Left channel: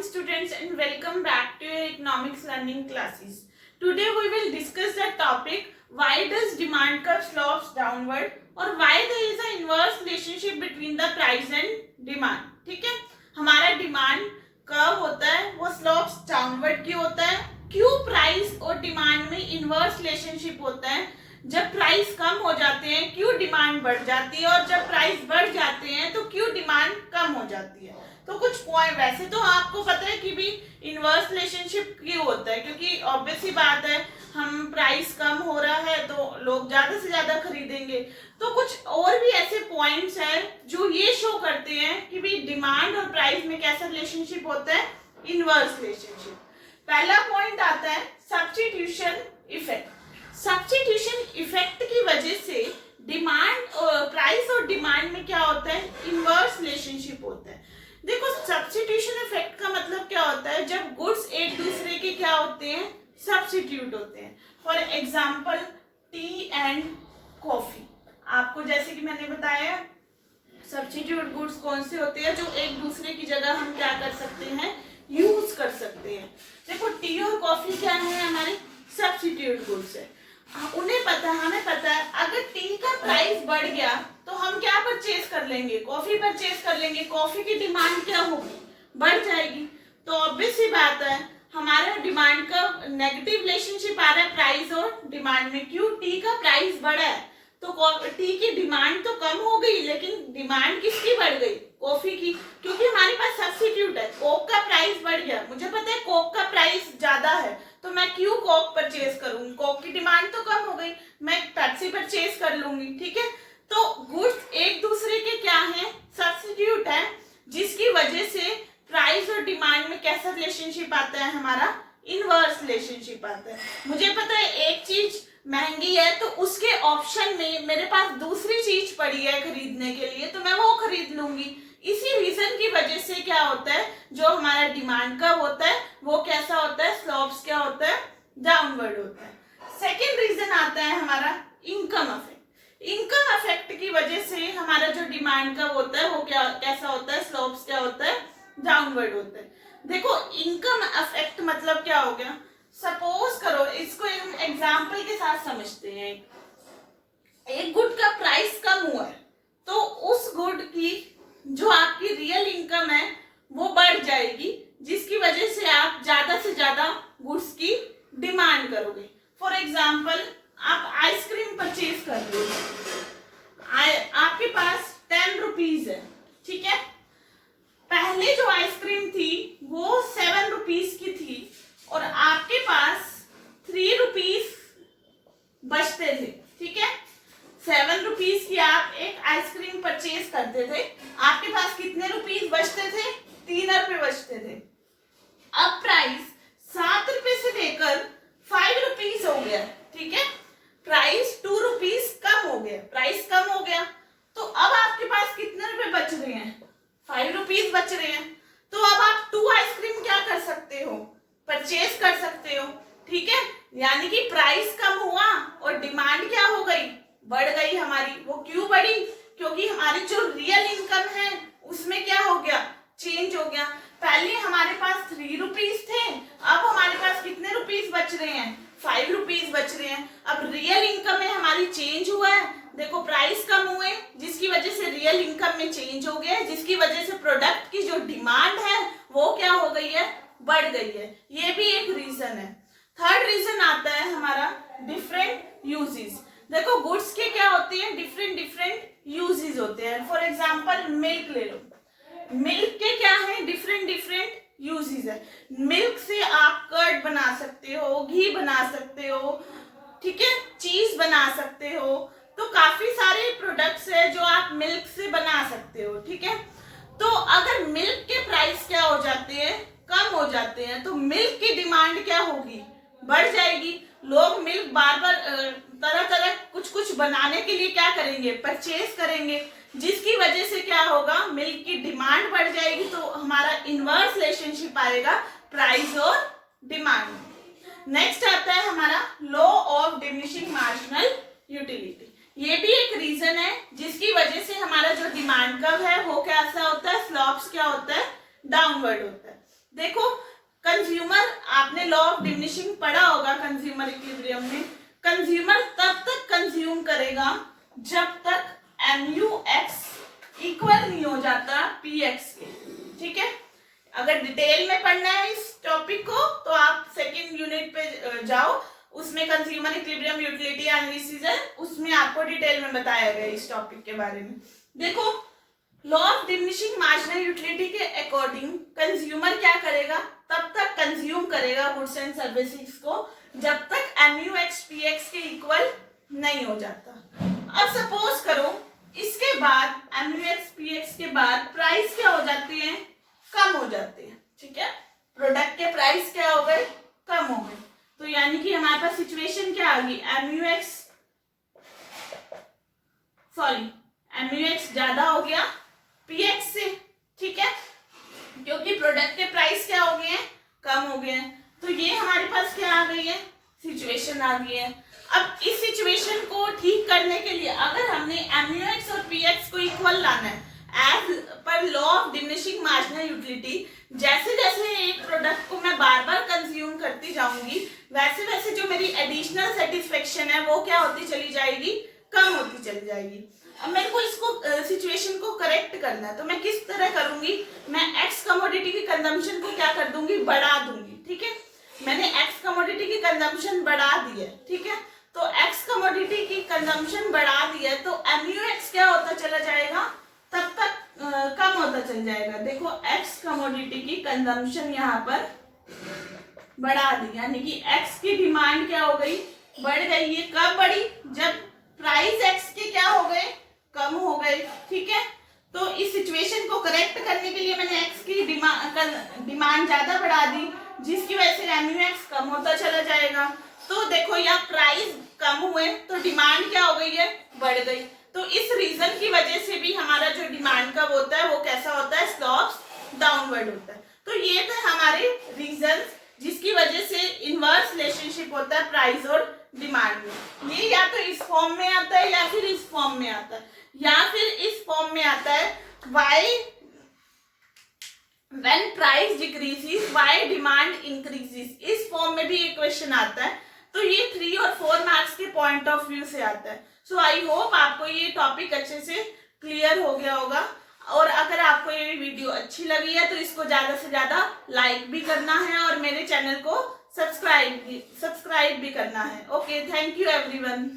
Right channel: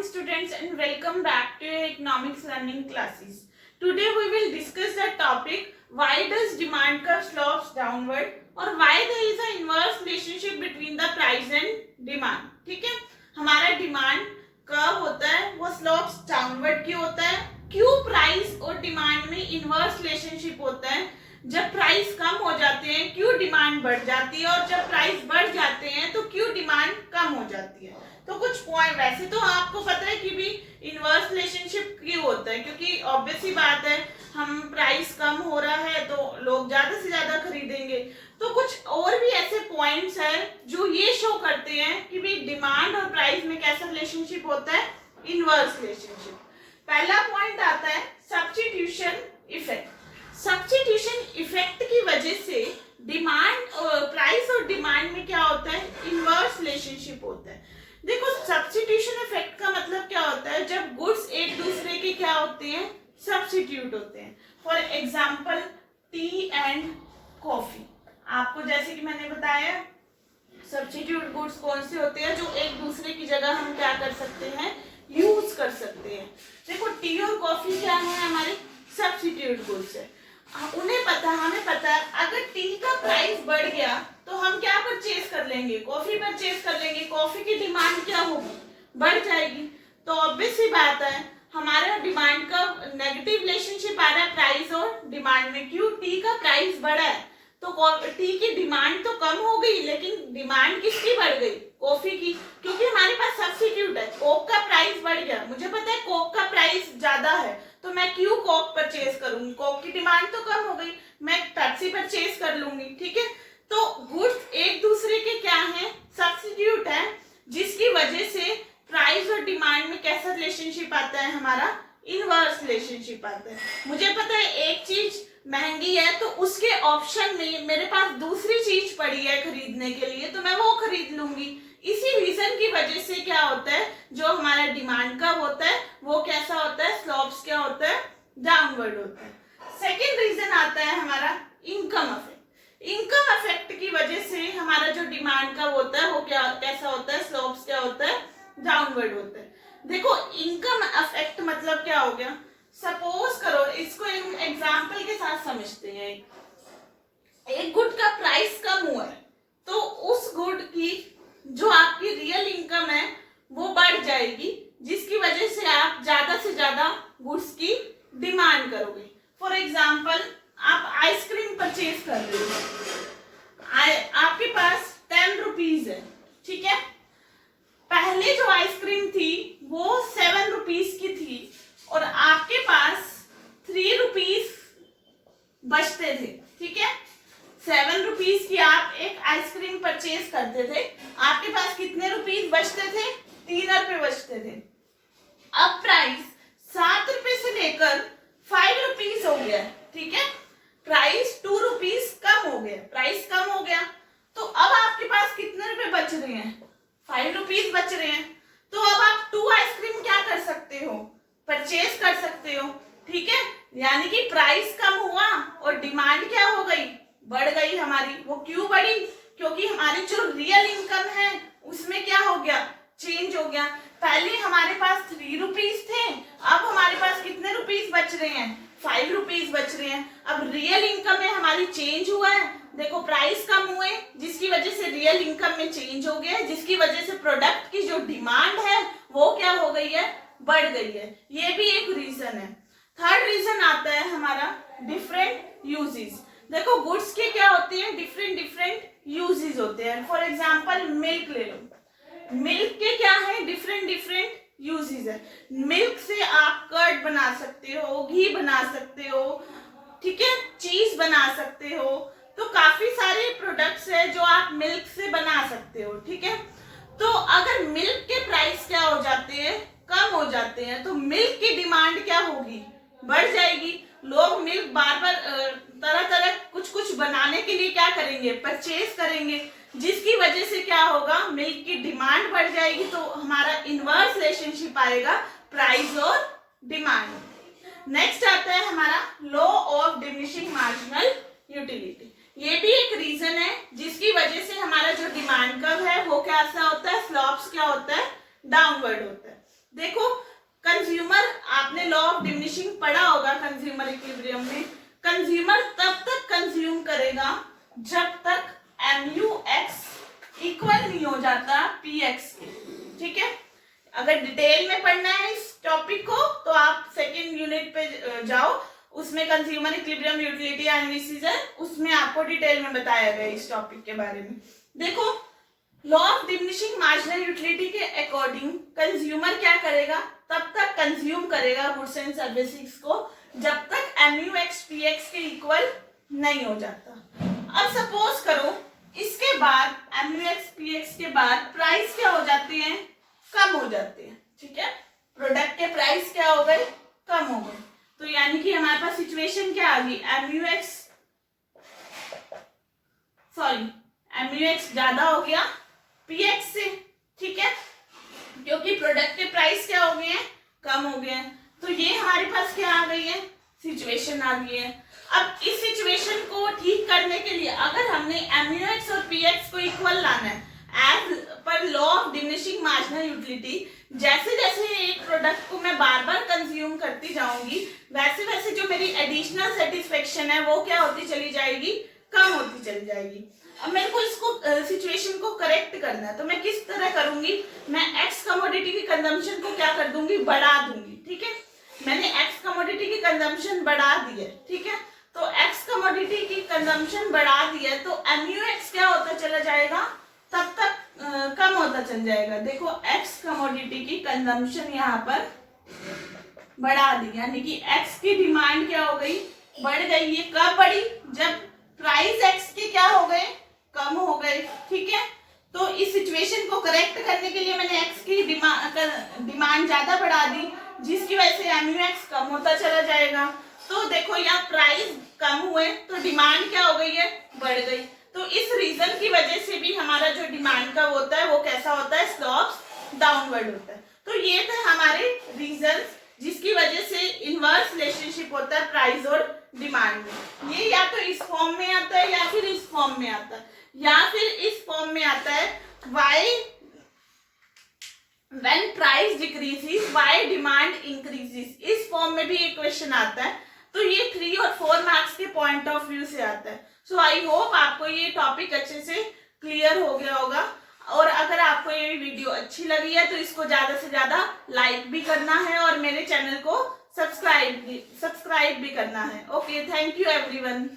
morning students and welcome back to your economics learning classes. Today we will discuss the topic why does demand curve slopes downward or why there is an inverse relationship between the price and demand. ठीक है, हमारा demand curve होता है वो slopes downward की होता है. क्यों प्राइस और डिमांड में इनवर्स रिलेशनशिप होता है? जब प्राइस कम हो जाते हैं क्यों डिमांड बढ़ जाती है और जब प्राइस बढ़ जाते हैं तो क्यों डिमांड कम हो जाती है. तो कुछ पॉइंट, वैसे तो आपको पता है कि भी इनवर्स रिलेशनशिप क्यों होता है, क्योंकि ऑब्वियस ही बात है हम प्राइस कम हो रहा है तो लोग ज्यादा से ज्यादा खरीदेंगे. तो कुछ और भी ऐसे पॉइंट्स हैं जो ये शो करते हैं कि भी डिमांड और प्राइस में कैसा रिलेशनशिप होता है, इनवर्स रिलेशनशिप. पहला पॉइंट आता है सब्स्टिट्यूशन इफेक्ट. सब्स्टिट्यूशन इफेक्ट की वजह से डिमांड और प्राइस और डिमांड में क्या होता है, इनवर्स रिलेशनशिप होता है. देखो सब्स्टिट्यूशन इफेक्ट का मतलब क्या होता है, जब गुड्स एक दूसरे के क्या होते हैं, सब्स्टिट्यूट होते हैं. For example T and coffee. आपको जैसे कि मैंने बताया सब्स्टिट्यूट गुड्स कौन से होते हैं जो एक दूसरे की जगह हम क्या कर सकते हैं, यूज कर सकते हैं. देखो टी और कॉफी क्या है, हमारे सब्स्टिट्यूट गुड्स है. उन्हें पता, हमें पता है अगर टी का प्राइस बढ़ गया तो हम क्या परचेज कर लेंगे, कॉफी परचेज कर लेंगे. कॉफी की डिमांड क्या होगी, बढ़ जाएगी. तो ऑब्वियस सी बात है हमारे डिमांड का नेगेटिव रिलेशनशिप आ रहा है प्राइस और डिमांड में. क्यों, टी का प्राइस बढ़ा है तो टी की डिमांड तो कम हो गई लेकिन डिमांड किसकी बढ़ गई, कॉफी की, क्योंकि हमारे पास सब्स्टिट्यूट है. कोक का प्राइस बढ़ गया, मुझे पता है कोक का प्राइस ज्यादा है तो मैं क्यों कोक परचेज करूंगी, कोक की डिमांड तो कम हो गई, मैं पेप्सी परचेज कर लूंगी. ठीक है, तो गुड्स एक दूसरे के क्या है, सब्स्टिट्यूट है, जिसकी वजह से प्राइस और डिमांड में कैसा रिलेशनशिप आता है, हमारा इनवर्स रिलेशनशिप आता है. मुझे पता है एक चीज महंगी है तो उसके ऑप्शन में मेरे पास दूसरी चीज पड़ी है खरीदने के लिए तो मैं वो खरीद लूंगी. इसी रीजन की वजह से क्या होता है, जो हमारा डिमांड का होता है वो कैसा होता है, स्लोप्स क्या होता है, डाउनवर्ड होता है. सेकेंड रीजन आता है हमारा इनकम अफेक्ट. इनकम अफेक्ट की वजह से हमारा जो डिमांड का होता है वो क्या कैसा होता है, स्लोप्स क्या होता है, डाउनवर्ड होता है. देखो इनकम अफेक्ट मतलब क्या हो गया, सपोज करो इसको एक एग्जाम्पल के साथ समझते हैं. एक गुड का प्राइस कम हुआ है तो उस गुड की जो आपकी रियल इनकम है वो बढ़ जाएगी, जिसकी वजह से आप ज्यादा से ज्यादा गुड्स की डिमांड करोगे. फॉर एग्जाम्पल आप आइसक्रीम परचेज कर रहे हो, आपके पास 10 रुपीज है. ठीक है, पहले जो आइसक्रीम थी वो 7 रुपीज की थी और आपके पास 3 रुपीज बचते थे. ठीक है, 7 रुपीज की आप एक आइसक्रीम परचेज करते थे, आपके पास कितने रुपीज बचते थे, 3 रुपए बचते थे. अब प्राइस 7 रुपए से लेकर 5 रुपीज हो गया. ठीक है, प्राइस 2 रुपीज कम हो गया, प्राइस कम हो गया तो अब आपके पास कितने रुपए बच रहे हैं, 5 रुपीज बच रहे हैं. तो अब आप 2 आइसक्रीम क्या कर सकते हो, परचेज कर सकते हो. ठीक है, यानी कि प्राइस कम हुआ और डिमांड क्या हो गई, बढ़ गई हमारी. वो क्यों बढ़ी, क्योंकि हमारी जो रियल इनकम है उसमें क्या हो गया, चेंज हो गया. पहले हमारे पास 3 रुपीज थे, अब हमारे पास कितने रुपीज बच रहे हैं, 5 रुपीज बच रहे हैं. अब रियल इनकम में हमारी चेंज हुआ है. देखो प्राइस कम हुए जिसकी वजह से रियल इनकम में चेंज हो गया, जिसकी वजह से प्रोडक्ट की जो डिमांड है वो क्या हो गई है, बढ़ गई है. ये भी एक रीजन है. थर्ड रीजन आता है हमारा डिफरेंट यूजेस. देखो गुड्स के क्या होते हैं, डिफरेंट डिफरेंट यूजेस होते हैं. फॉर एग्जांपल मिल्क ले लो, मिल्क के क्या है, डिफरेंट डिफरेंट यूजेस है. मिल्क से आप कर्ड बना सकते हो, घी बना सकते हो. ठीक है, चीज बना सकते हो. तो काफी सारे प्रोडक्ट्स है जो आप मिल्क से बना सकते हो. ठीक है, तो अगर मिल्क के प्राइस क्या हो जाते हैं, कम हो जाते हैं तो मिल्क की डिमांड क्या होगी, बढ़ जाएगी. लोग मिल्क बार बार तरह तरह कुछ कुछ बनाने के लिए क्या करेंगे, परचेज करेंगे, जिसकी वजह से क्या होगा, मिल्क की डिमांड बढ़ जाएगी. तो हमारा इनवर्स रिलेशनशिप आएगा प्राइस और डिमांड. नेक्स्ट आता है हमारा law of diminishing marginal utility. ये भी एक रीजन है जिसकी वजह से हमारा जो डिमांड कर्व है वो कैसा होता है, स्लोप्स क्या होता है, डाउनवर्ड होता है. देखो कंज्यूमर, आपने लॉ ऑफ डिमिनिशिंग पढ़ा होगा कंज्यूमर इक्विलिब्रियम में। कंज्यूमर तब तक कंज्यूम करेगा जब तक MUX इक्वल नहीं हो जाता PX के, ठीक है। अगर डिटेल में पढ़ना है इस टॉपिक को तो आप सेकंड यूनिट पे जाओ, उसमें कंज्यूमर इक्विलिब्रियम, यूटिलिटी एनालिसिस है, उसमें आपको डिटेल में बताया गया इस टॉपिक के बारे में। देखो law of diminishing marginal utility के अकॉर्डिंग कंज्यूमर क्या करेगा, तब तक कंज्यूम करेगा गुड्स एंड सर्विसेज को जब तक MUX PX के इक्वल नहीं हो जाता। अब सपोज करो इसके बाद MUX PX के बाद प्राइस क्या हो जाती है, कम हो जाती है, ठीक है। प्रोडक्ट के प्राइस क्या हो गए, कम हो गए। तो यानी कि हमारे पास सिचुएशन क्या आ गई, MUX ज्यादा हो गया PX से, ठीक है, क्योंकि प्रोडक्ट के प्राइस क्या हो गए हैं, कम हो गए हैं। तो ये हमारे पास क्या आ गई है, सिचुएशन आ गई है। अब इस सिचुएशन को ठीक करने के लिए अगर हमने MUX और PX को इक्वल लाना है एज पर law of diminishing marginal utility, जैसे जैसे एक प्रोडक्ट को मैं बार बार कंज्यूम करती जाऊंगी वैसे वैसे जो मेरी एडिशनल सेटिस्फेक्शन है वो क्या होती चली जाएगी, कम होती चली जाएगी। अब मेरे को इसको सिचुएशन को करेक्ट करना है, तो मैं किस तरह करूंगी, मैं एक्स कमोडिटी की कंजम्पशन को क्या कर दूंगी, बढ़ा दूंगी, ठीक है। मैंने एक्स कमोडिटी की कंजम्पशन बढ़ा दी है, ठीक है। तो एक्स कमोडिटी की कंजम्पशन बढ़ा दी है तो MUX क्या होता चला जाएगा, तब तक कम होता चल जाएगा। देखो एक्स कमोडिटी की कंजम्पशन यहाँ पर बढ़ा दी, यानी कि एक्स की डिमांड क्या हो गई, बढ़ गई। ये कब बढ़ी, जब प्राइस एक्स के क्या हो गए, कम हो गए, ठीक है। तो इस सिचुएशन को करेक्ट करने के लिए मैंने एक्स की डिमांड ज्यादा बढ़ा दी, जिसकी वजह से MUX कम होता चला जाएगा। तो देखो यहाँ प्राइस कम हुए तो डिमांड क्या हो गई है, बढ़ गई। तो इस रीजन की वजह से भी हमारा जो डिमांड का होता है वो कैसा होता है, स्लोप्स डाउनवर्ड होता है। तो ये थे हमारे रीजन जिसकी वजह से इनवर्स रिलेशनशिप होता है प्राइस और डिमांड में। ये या तो इस फॉर्म में आता है या फिर इस फॉर्म में आता है, या फिर इस फॉर्म में आता है why when price decreases why demand increases, इस फॉर्म में भी एक क्वेश्चन आता है। तो ये 3 और 4 मार्क्स के पॉइंट ऑफ व्यू से आता है। सो आई होप आपको ये टॉपिक अच्छे से क्लियर हो गया होगा, और अगर आपको ये वीडियो अच्छी लगी है तो इसको ज्यादा से ज्यादा लाइक भी करना है और मेरे चैनल को सब्सक्राइब भी करना है। Okay, thank you everyone.